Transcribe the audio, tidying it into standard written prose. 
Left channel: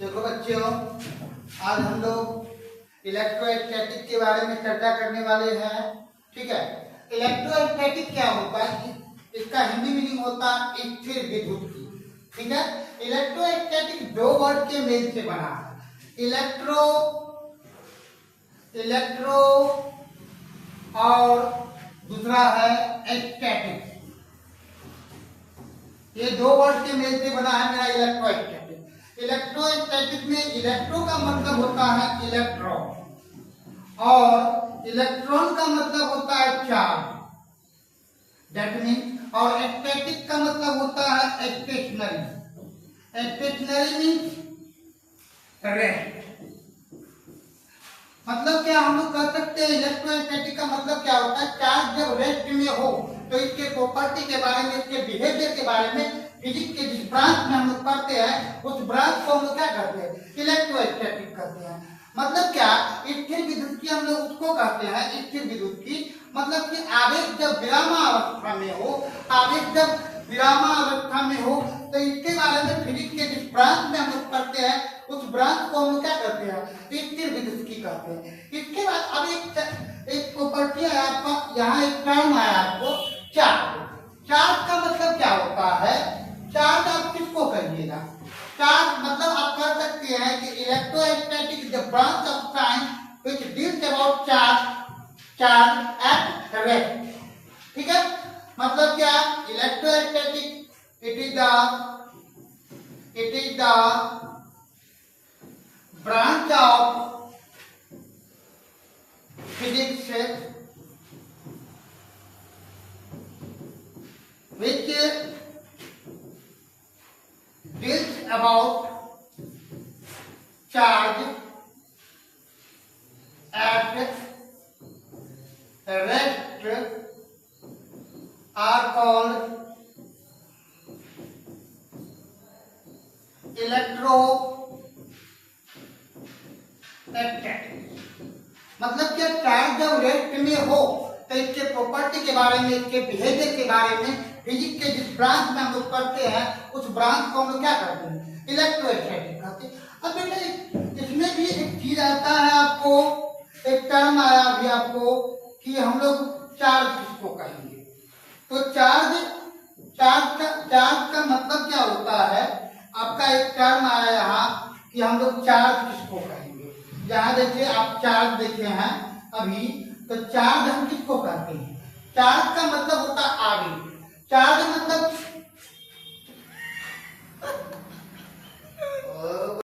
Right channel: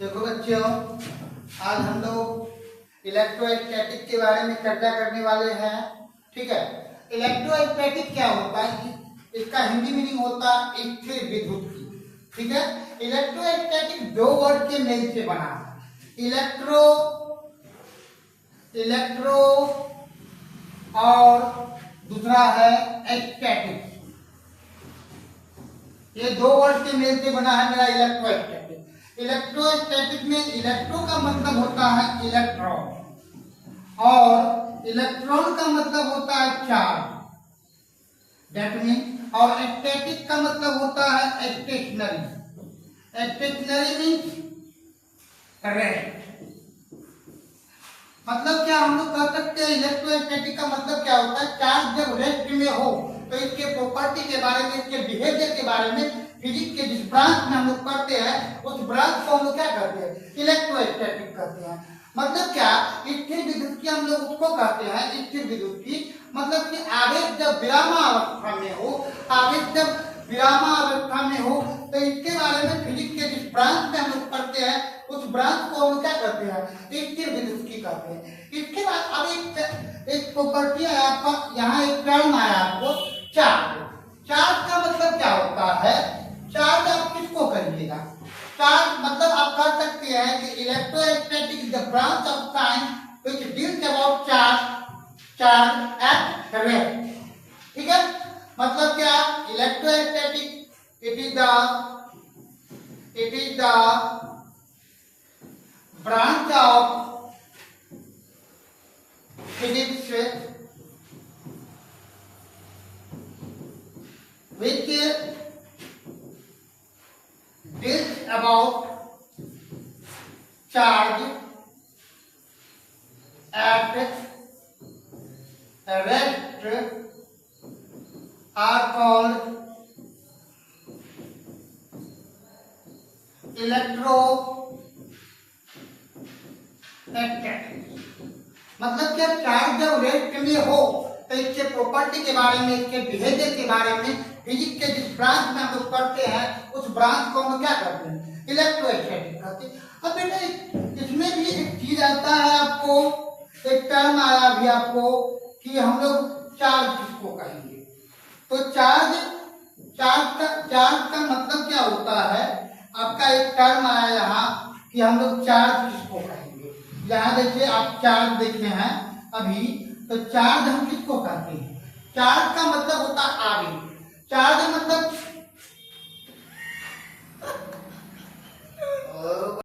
देखो बच्चों, आज हम लोग इलेक्ट्रोस्टैटिक के बारे में चर्चा करने वाले हैं। ठीक है, इलेक्ट्रोस्टैटिक क्या होता है? इसका हिंदी मीनिंग होता है स्थिर विद्युत की। ठीक है, इलेक्ट्रोस्टैटिक दो वर्ड के मेल से बना है। इलेक्ट्रो और दूसरा है स्टैटिक। ये दो वर्ड के मेल से बना है मेरा इलेक्ट्रोस्टैटिक। इलेक्ट्रोस्टैटिक में इलेक्ट्रो का मतलब होता है इलेक्ट्रॉन और इलेक्ट्रॉन का मतलब होता है चार्ज। दैट मीन, और स्टैटिक का मतलब होता है स्टेशनरी। Stationery means rest. मतलब क्या हम लोग कह सकते हैं इलेक्ट्रोस्टैटिक का मतलब क्या होता है? चार्ज जब रेस्ट में हो तो इसके प्रॉपर्टी के बारे में, इसके बिहेवियर के बारे में फिजिक्स के जिस ब्रांच में हम लोग पढ़ते हैं उस ब्रांच को हम लोग क्या कहते हैं? इलेक्ट्रोस्टैटिक कहते हैं। मतलब क्या? स्थिर विद्युत की हम लोग उसको कहते हैं स्थिर विद्युत की। मतलब कि आवेश जब विरामावस्था में हो, आवेश जब विरामावस्था में हो तो इसके बारे में फिजिक्स के जिस ब्रांच में हम लोग पढ़ते हैं उस ब्रांच को हम लोग क्या कहते हैं? स्थिर विद्युत की कहते हैं। इसके बाद अब एक प्रॉपर्टी है आपका, यहाँ एक टर्म आया आपको चार्ज। चार्ज का मतलब क्या होता है? चार्ज आप किसको कहिएगा? चार्ज मतलब आप कह सकते हैं कि electrostatic is the branch of science which deals about charge at rest. ठीक है, मतलब क्या? Electrostatic it is the branch of physics which deals about charge at rest are called electrostatic। मतलब क्या? चार्ज जब रेस्ट में हो तो इसके प्रॉपर्टी के बारे में, इसके बिहेवियर के बारे में फिजिक्स के जिस ब्रांच में हम लोग पढ़ते हैं उस ब्रांच को हम लोग क्या करते हैं? इलेक्ट्रोस्टैटिक कहते हैं। अब बेटा इसमें भी एक चीज आता है, आपको एक टर्म आया अभी आपको कि हम लोग चार्ज किसको कहेंगे। तो चार्ज का मतलब क्या होता है? आपका एक टर्म आया यहाँ कि हम लोग चार्ज किसको कहेंगे। यहाँ देखिए, आप चार्ज देखे हैं अभी, तो चार्ज हम किसको कहते हैं? चार्ज का मतलब होता है आवेश। चार्ज मतलब